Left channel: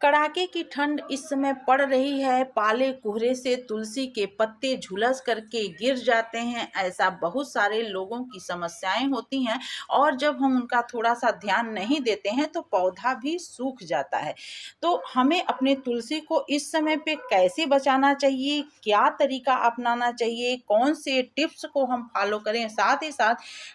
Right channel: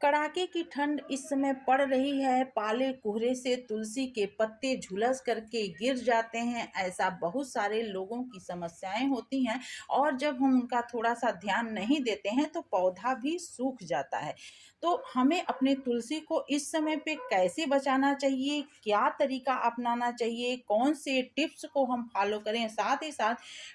कड़ाके की ठंड इस समय पड़ रही है। पाले कोहरे से तुलसी के पत्ते झुलस करके गिर जाते हैं। ऐसा बहुत सारे लोगों की समस्याएं होती हैं और जब हम उनका थोड़ा सा ध्यान नहीं देते हैं तो पौधा भी सूख जाता है। तो हमें अपने तुलसी को इस समय पे कैसे बचाना चाहिए, क्या तरीका अपनाना चाहिए, कौन से टिप्स को हम फॉलो करें, साथ ही साथ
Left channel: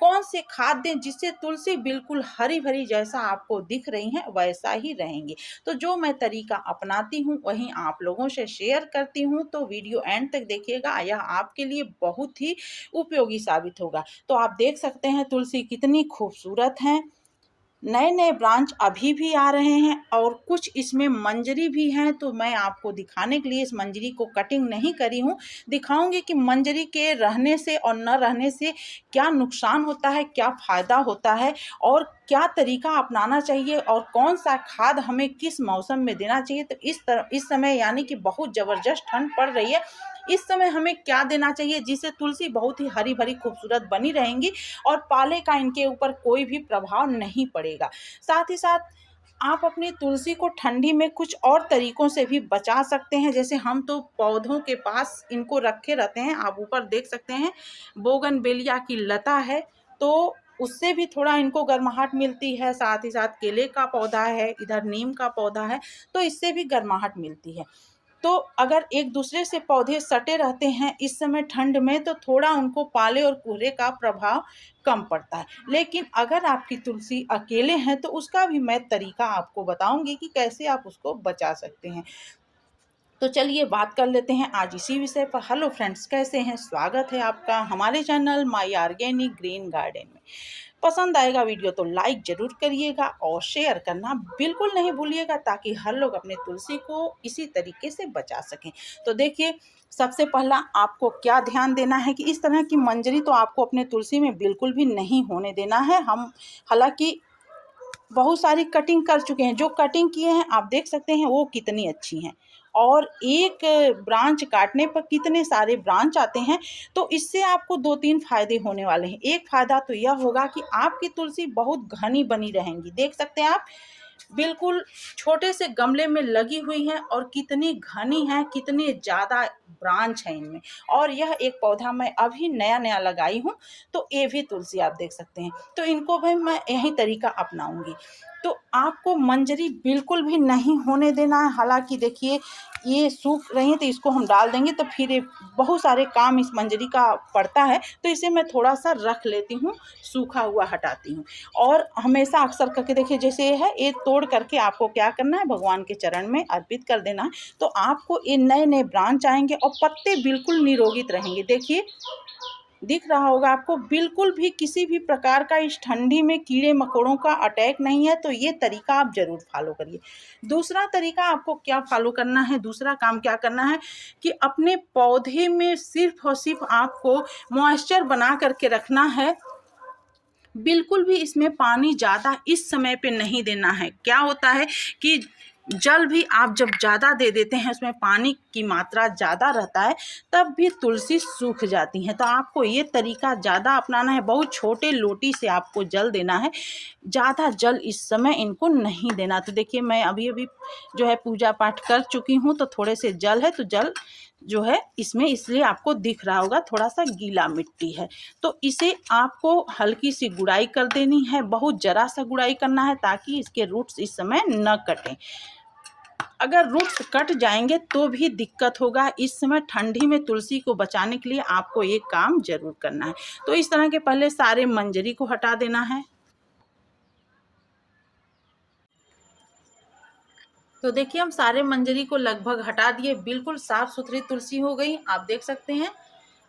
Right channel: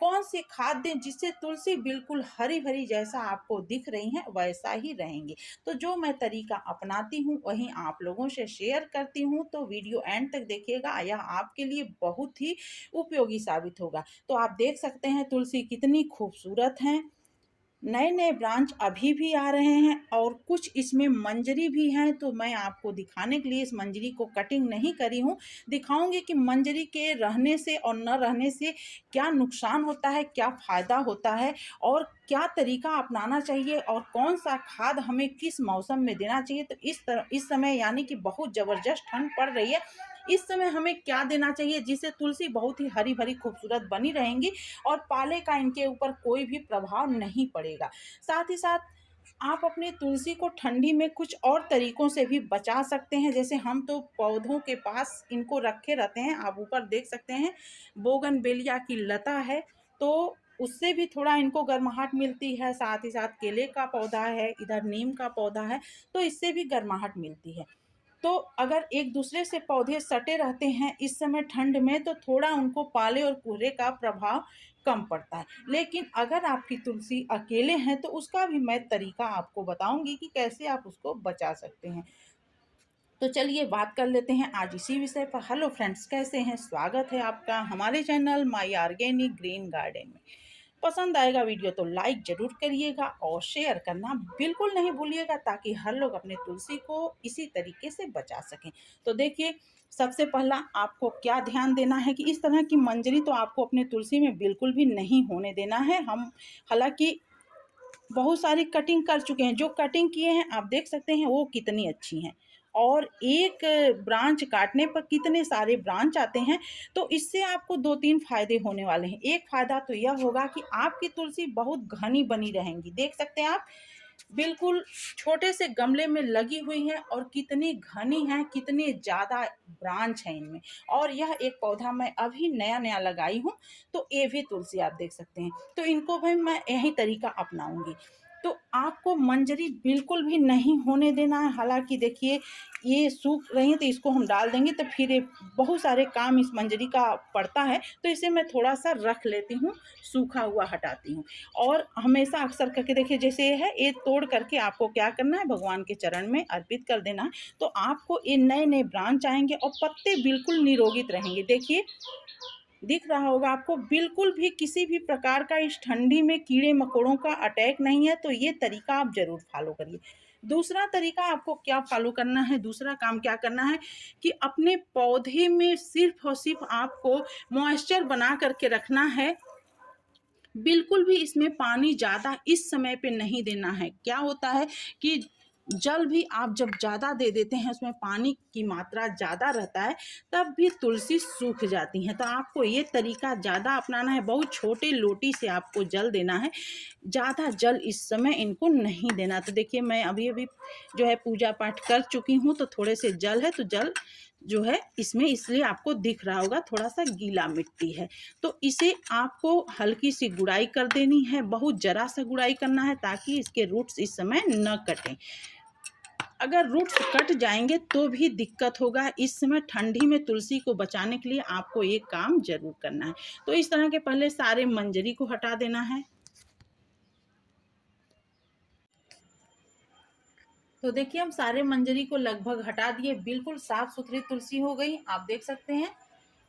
कौन से खाद दें जिससे तुलसी बिल्कुल हरी भरी जैसा आपको दिख रही है वैसा ही रहेंगे। तो जो मैं तरीका अपनाती हूँ वहीं आप लोगों से शेयर करती हूँ, तो वीडियो एंड तक देखिएगा, यह आपके लिए बहुत ही उपयोगी साबित होगा। तो आप देख सकते हैं तुलसी कितनी खूबसूरत हैं। नए नए ब्रांच अभी भी आ रहे हैं और कुछ इसमें मंजरी भी हैं, तो मैं आपको दिखाने के लिए इस मंजरी को कटिंग नहीं करी हूँ। दिखाऊंगी कि मंजरी के रहने से और न रहने से क्या नुकसान होता है, क्या फ़ायदा होता है और क्या तरीका अपनाना चाहिए और कौन सा खाद हमें किस मौसम में देना चाहिए। तो इस समय यानी कि बहुत ज़बरदस्त ठंड पड़ रही है, इस समय हमें क्या देना चाहिए जिससे तुलसी बहुत ही हरी भरी खूबसूरत बनी रहेंगी और पाले का इनके ऊपर कोई भी प्रभाव नहीं पड़ेगा। साथ ही साथ आप अपनी तुलसी को ठंडी में कुछ और तरीकों से भी बचा सकते हैं। जैसे हम तो पौधों के पास इनको रखे रहते हैं, आप ऊपर देख सकते हैं बोगनवेलिया की लता है, तो उससे भी थोड़ा इनको गर्माहट मिलती है। साथ ही साथ केले का पौधा है, इधर नीम का पौधा है, तो इससे भी गर्माहट मिलती है। तो अगर एक दूसरे से पौधे सटे रहते हैं इस समय ठंड में तो थोड़ा उनको पाले और कोहरे का प्रभाव कम पड़ता है। लेकिन अगर आपकी तुलसी अकेले हैं तो उसका भी मैं तरीका आपको बताऊंगी कि कैसे आप उसको बचा सकते हैं। तो चलिए बात कर लेते हैं आज इसी विषय पर। हेलो फ्रेंड्स, कैसे हैं? स्वागत है आपका हमारे channel my organic green garden में। पसंद आएगा वीडियो तो लाइक ज़रूर करिएगा और शेयर करना बिल्कुल नहीं भूलिएगा ताकि हर लोग अपने तुलसी को इसी तरीके से बचा सकें। तो देखिए, सबसे पहला आपको क्या ध्यान देना है कि इस तरह की मंजरी तो आपको अपने तुलसी में बिल्कुल भी नहीं होने देना है। हम हालांकि बहुत सारी कटिंग कर चुके हैं, जो कटिंग किए हैं आप देख सकते हैं वो कितनी अच्छी हैं और एक ब्रांच काटने पर कितने सारे ब्रांच आते हैं। तो इससे आपको दो तीन फायदे होने वाले हैं। एक फायदा तो यह होगा कि आपकी तुलसी बहुत घनी बनी रहेंगी। देख सकते हैं आप, बिल्कुल छोटे से गमले में लगी हुई हैं और कितनी घनी है, कितनी ज़्यादा ब्रांच है इनमें। और यह एक पौधा मैं अभी नया नया लगाई हूँ, तो ये भी तुलसी आप देख सकते हैं। तो इनको भी मैं यही तरीका अपनाऊंगी। तो आपको मंजरी बिल्कुल भी नहीं होने देना है। हालांकि देखिए ये सूख रही है तो इसको हम डाल देंगे तो फिर ये बहुत सारे काम इस मंजरी का पड़ता है, तो इसे मैं थोड़ा सा रख लेती हूँ, सूखा हुआ हटाती हूँ। और हमेशा अक्सर करके देखिए जैसे ये है, ये तोड़ करके आपको क्या करना है, भगवान के चरण में अर्पित कर देना है। तो आपको ये नए नए ब्रांच आएंगे और पत्ते बिल्कुल निरोगित रहेंगे। देखिए दिख रहा होगा आपको, बिल्कुल भी किसी भी प्रकार का इस ठंडी में कीड़े मकोड़ों का अटैक नहीं है। तो ये तरीका आप जरूर फॉलो करिए। दूसरा तरीका आपको क्या फॉलो करना है, दूसरा काम क्या करना है कि अपने पौधे में सिर्फ और सिर्फ आपको मॉइस्चर बना करके रखना है। बिल्कुल भी इसमें पानी ज़्यादा इस समय पे नहीं देना है। क्या होता है कि जल भी आप जब ज़्यादा दे देते हैं, उसमें पानी की मात्रा ज़्यादा रहता है, तब भी तुलसी सूख जाती हैं। तो आपको ये तरीका ज़्यादा अपनाना है। बहुत छोटे लोटी से आपको जल देना है, ज़्यादा जल इस समय इनको नहीं देना। तो देखिए मैं अभी अभी जो है पूजा पाठ कर चुकी हूँ, तो थोड़े से जल है, तो जल जो है इसमें इसलिए आपको दिख रहा होगा थोड़ा सा गीला मिट्टी है। तो इसे आपको हल्की सी गुड़ाई कर देनी है, बहुत जरा सा गुड़ाई करना है ताकि इसके रूट्स इस समय न कटें। अगर रूट्स कट जाएंगे तो भी दिक्कत होगा। इस समय ठंडी में तुलसी को बचाने के लिए आपको एक काम जरूर करना है। तो इस तरह के पहले सारे मंजरी को हटा देना है। तो देखिए हम सारे मंजरी को लगभग हटा दिए, बिल्कुल साफ सुथरी तुलसी हो गई, आप देख सकते हैं।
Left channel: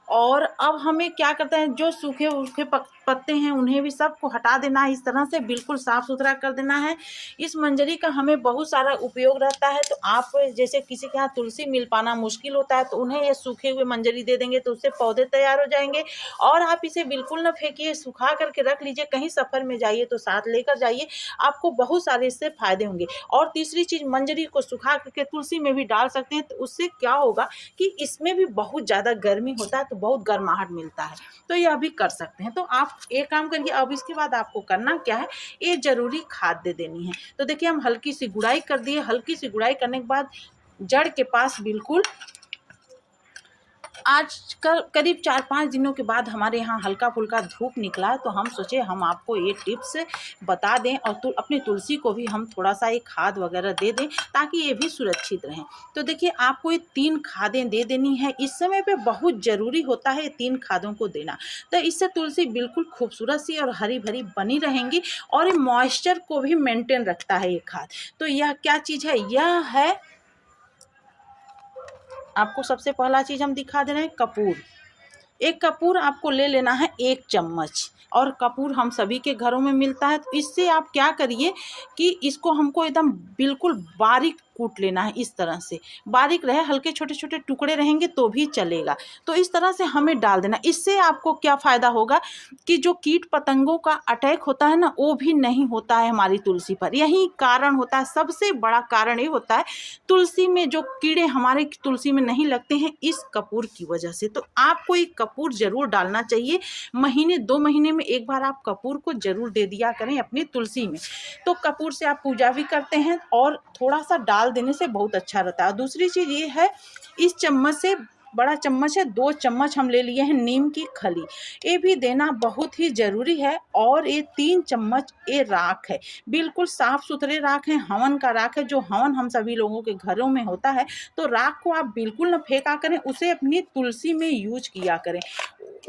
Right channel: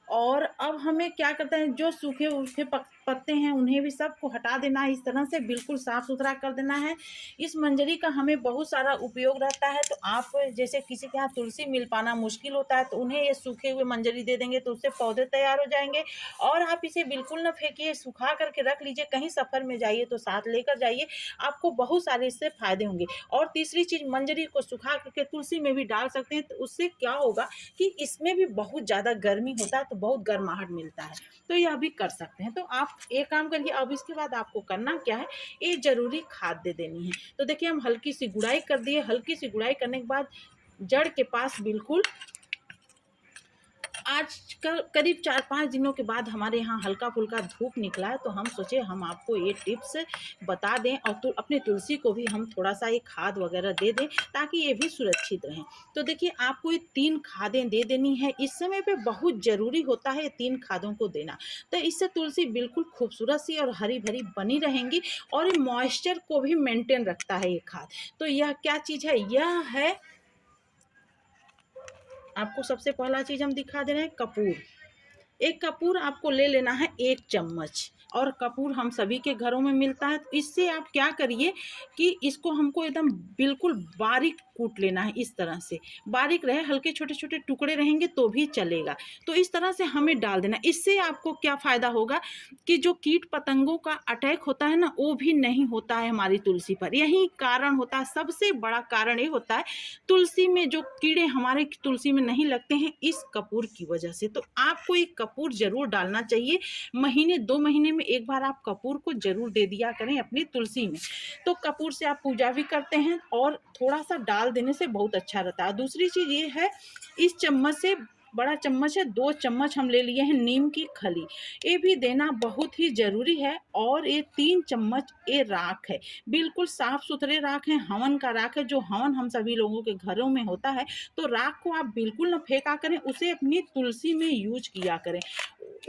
और अब हमें क्या करते हैं, जो सूखे सूखे पत्ते हैं उन्हें भी सबको हटा देना है। इस तरह से बिल्कुल साफ सुथरा कर देना है। इस मंजरी का हमें बहुत सारा उपयोग रहता है। तो आप जैसे किसी के यहाँ तुलसी मिल पाना मुश्किल होता है तो उन्हें ये सूखे हुए मंजरी दे देंगे तो उससे पौधे तैयार हो जाएंगे। और आप इसे बिल्कुल ना फेंकिए, सुखा करके रख लीजिए, कहीं सफ़र में जाइए तो साथ लेकर जाइए, आपको बहुत सारे इससे फायदे होंगे। और तीसरी चीज़, मंजरी को सुखा करके तुलसी में भी डाल सकते हैं। तो उससे क्या होगा कि इसमें भी बहुत ज़्यादा गर्मी होता है तो बहुत गर्माहट मिलता है, तो यह भी कर सकते हैं। तो आप एक काम करिए, अब इसके बाद आपको करना क्या है, ये ज़रूरी खाद दे देनी है। तो देखिए हम हल्की सी गुड़ाई कर दिए, हल्की सी गुड़ाई करने के बाद जड़ के पास बिल्कुल आज करीब 4-5 दिनों के बाद हमारे यहाँ हल्का-फुल्का धूप निकला है, तो हम सोचे हम आपको ये टिप्स बता दें और अपनी तुलसी को भी हम थोड़ा-सा एक खाद वगैरह दे दें ताकि ये भी सुरक्षित रहें। तो देखिए आपको ये 3 खादें दे देनी है, इस समय पे बहुत ज़रूरी होता है 3 खादों को देना। तो इससे तुलसी बिल्कुल खूबसूरत सी और हरी-भरी बनी रहेंगी और ये मॉइस्चर को भी मेंटेन रखता है ये खाद। तो यह क्या चीज़ है? यह है, आपको सबसे पहला चीज़ हम दिखा दे रहे हैं, कपूर। एक कपूर आपको ले लेना है 1 चम्मच, और कपूर हम सभी के घरों में मिलता है। तो इससे आप क्या करिए कि इसको हमको एकदम बिल्कुल बारीक कूट लेना है, इस तरह से बारीक रहे, हल्के छोटे छोटे टुकड़े रहेंगे तो भी चलेगा। तो इस तरह से हमें डाल देना। इससे आपको क्या फ़ायदा होगा कि जो कीट पतंगों का अटैक होता है ना, वो भी नहीं होता है हमारी तुलसी पर। यही कारण होता है, सबसे बड़ा कारण ये होता है तुलसी में जो कीड़े हमारे तुलसी में नहीं लगते हैं, इस कपूर की वजह से। तो आपको एक कपूर ज़रूर डालना चाहिए, महीने 2 महीने में एक बार आप कपूर को ज़रूर दे दिया करें अपनी तुलसी में। तो कपूर से आप पूजा भी करते हैं और थोड़ा-सा डाल देने से बहुत अच्छा रहता है। दूसरी चीज़ ये है, इस चम्मच से, बड़ा चम्मच है, 2 चम्मच हम ले लिए हैं नीम की खली, ये भी देना बहुत ही ज़रूरी है। और ये 3 चम्मच ये राख है, बिल्कुल साफ-सुथरे राख है, हवन का राख है, जो हवन हम सभी लोगों के घरों में होता है। तो राख को आप बिल्कुल ना फेंका करें, उसे अपनी तुलसी में यूज़ किया करें।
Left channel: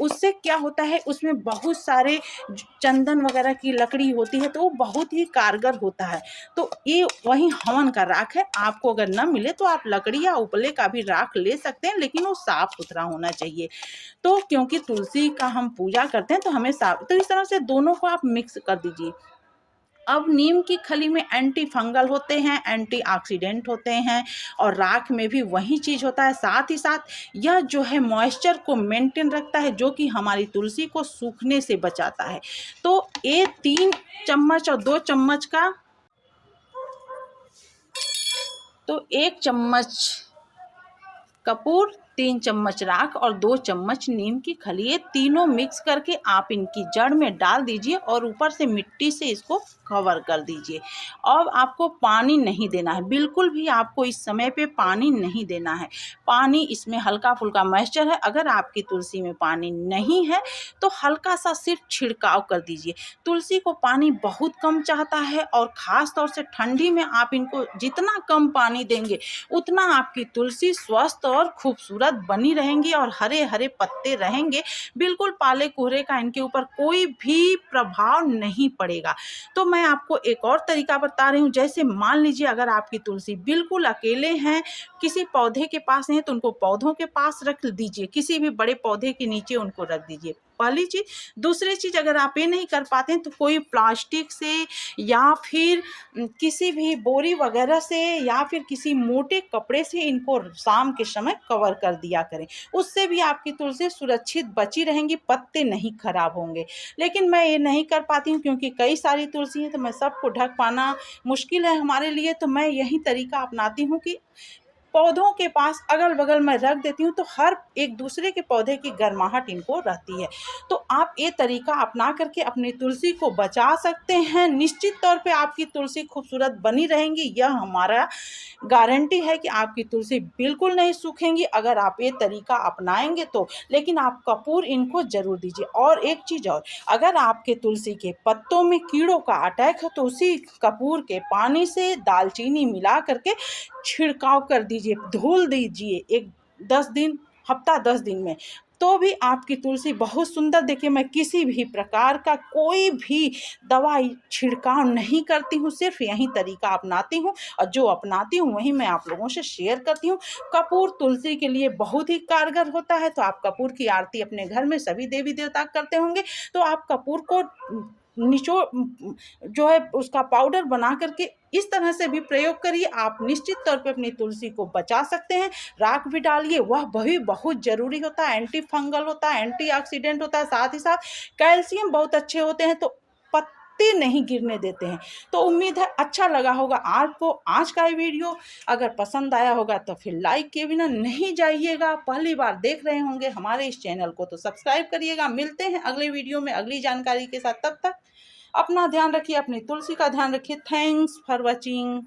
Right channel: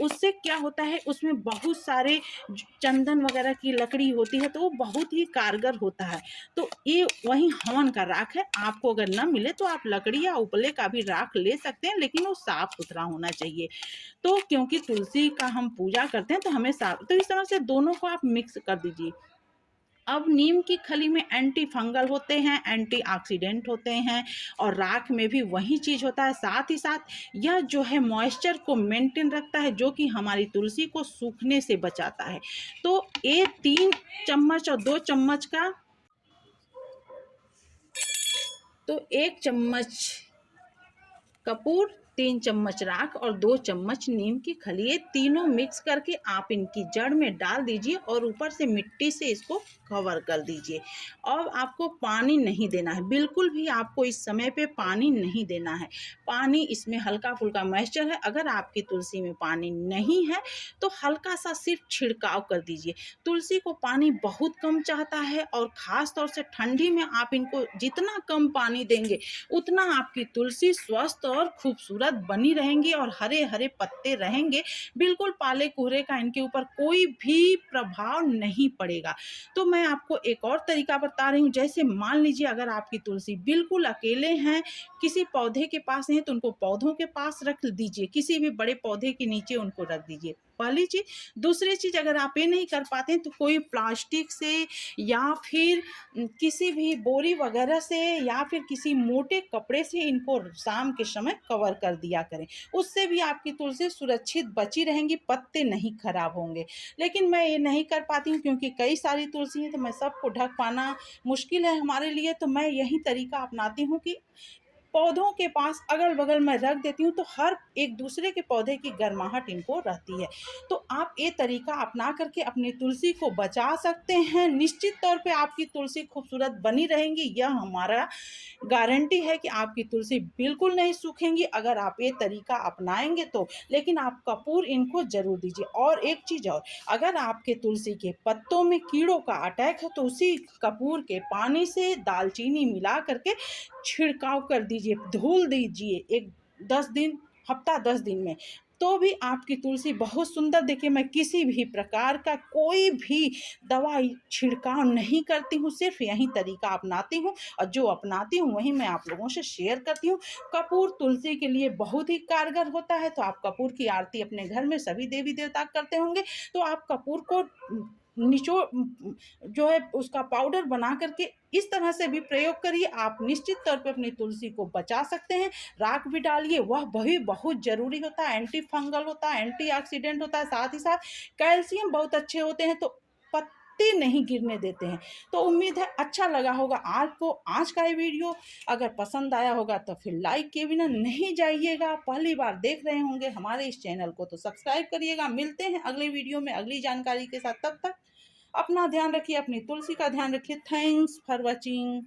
उससे क्या होता है, उसमें बहुत सारे चंदन वगैरह की लकड़ी होती है, तो वो बहुत ही कारगर होता है। तो ये वही हवन का राख है। आपको अगर ना मिले तो आप लकड़ी या उपले का भी राख ले सकते हैं, लेकिन वो साफ सुथरा होना चाहिए। तो क्योंकि तुलसी का हम पूजा करते हैं तो हमें साफ, तो इस तरह से दोनों को आप मिक्स कर दीजिए। अब नीम की खली में एंटी फंगल होते हैं, एंटीऑक्सीडेंट होते हैं, और राख में भी वही चीज़ होता है। साथ ही साथ यह जो है मॉइस्चर को मेंटेन रखता है, जो कि हमारी तुलसी को सूखने से बचाता है। तो ये 3 चम्मच और 2 चम्मच का, तो 1 चम्मच कपूर, 3 चम्मच राख और 2 चम्मच नीम की खली, ये तीनों मिक्स करके आप इनकी जड़ में डाल दीजिए और ऊपर से मिट्टी से इसको कवर कर दीजिए। अब आपको पानी नहीं देना है, बिल्कुल भी आपको इस समय पे पानी नहीं देना है। पानी इसमें हल्का-फुल्का मॉइस्चर है, अगर आपकी तुलसी में पानी नहीं है तो हल्का-सा सिर्फ छिड़काव कर दीजिए। तुलसी को पानी बहुत कम चाहता है, और ख़ास तौर से ठंडी में आप इनको जितना कम पानी देंगे, उतना आपकी तुलसी स्वस्थ और खूबसूरत बनी रहेंगी और हरे-हरे पत्ते रहेंगे। बिल्कुल पाले-कुहरे का इनके ऊपर कोई भी प्रभाव नहीं पड़ेगा। तो मैं आपको एक और तरीका बता रही हूँ, जैसे मान लीजिए अगर आपकी तुलसी बिल्कुल अकेले हैं, किसी पौधे के पास नहीं है, तो उनको पौधों के पास रख दीजिए, किसी भी बड़े पौधे के नीचे उनको रख दीजिए, पहली चीज़। दूसरी चीज़, अगर आप ये नहीं कर पाते हैं तो कोई प्लास्टिक से या फिर किसी भी बोरी वगैरह से या फिर किसी मोटे कपड़े से इनको शाम के समय कवर कर दिया करें। उससे भी आपकी तुलसी सुरक्षित बची रहेंगी, पत्ते नहीं खराब होंगे। लेकिन मैं ये नहीं कर पाती हूँ क्योंकि कई सारी तुलसी है, तो मैं सबको ढक पाना मुश्किल है हमारे लिए। तो मैं यही तरीका अपनाती हूँ कि पौधों के पास अगल-बगल मैं रख देती हूँ, तो हर एक दूसरे के पौधे की गर्माहट इनको रहती है। तो आप ये तरीका अपना करके अपनी तुलसी को बचा सकते हैं। निश्चित तौर पे आपकी तुलसी खूबसूरत बनी रहेंगी, यह हमारा गारंटी है कि आपकी तुलसी बिल्कुल नहीं सूखेंगी अगर आप ये तरीका अपनाएँगे तो। लेकिन आप कपूर इनको ज़रूर दीजिए। और एक चीज़ और, अगर आपके तुलसी के पत्तों में कीड़ों का अटैक है तो उसी कपूर के पानी से दालचीनी मिला करके छिड़काव कर दीजिए, धुल दीजिए, एक 10 दिन, हफ्ता 10 दिन में, तो भी आपकी तुलसी बहुत सुंदर, देखिए मैं किसी भी प्रकार का कोई भी दवाई छिड़काव नहीं करती हूँ, सिर्फ यही तरीका अपनाती हूँ, और जो अपनाती हूँ वही मैं आप लोगों से शेयर करती हूँ। कपूर तुलसी के लिए बहुत ही कारगर होता है। तो आप कपूर की आरती अपने घर में सभी देवी देवता करते होंगे, तो आप कपूर को निचोड़ जो है उसका पाउडर बना करके इस तरह से भी प्रयोग करिए, आप निश्चित तौर पे अपनी तुलसी को बचा सकते हैं। राख भी डालिए, वह भी बहुत ज़रूरी होता है, एंटी फंगल होता है, एंटीऑक्सीडेंट होता है, साथ ही साथ कैल्शियम बहुत अच्छे होते हैं। तो पत्ते नहीं गिरने देते हैं। तो उम्मीद है अच्छा लगा होगा आपको आज का ये वीडियो। अगर पसंद आया होगा तो फिर लाइक किए बिना नहीं जाइएगा। पहली बार देख रहे होंगे हमारे इस चैनल को तो सब्सक्राइब करिएगा। मिलते हैं अगले वीडियो में अगली जानकारी के साथ। तब तक अपना ध्यान रखिए, अपनी तुलसी का ध्यान रखिए। Thanks for watching.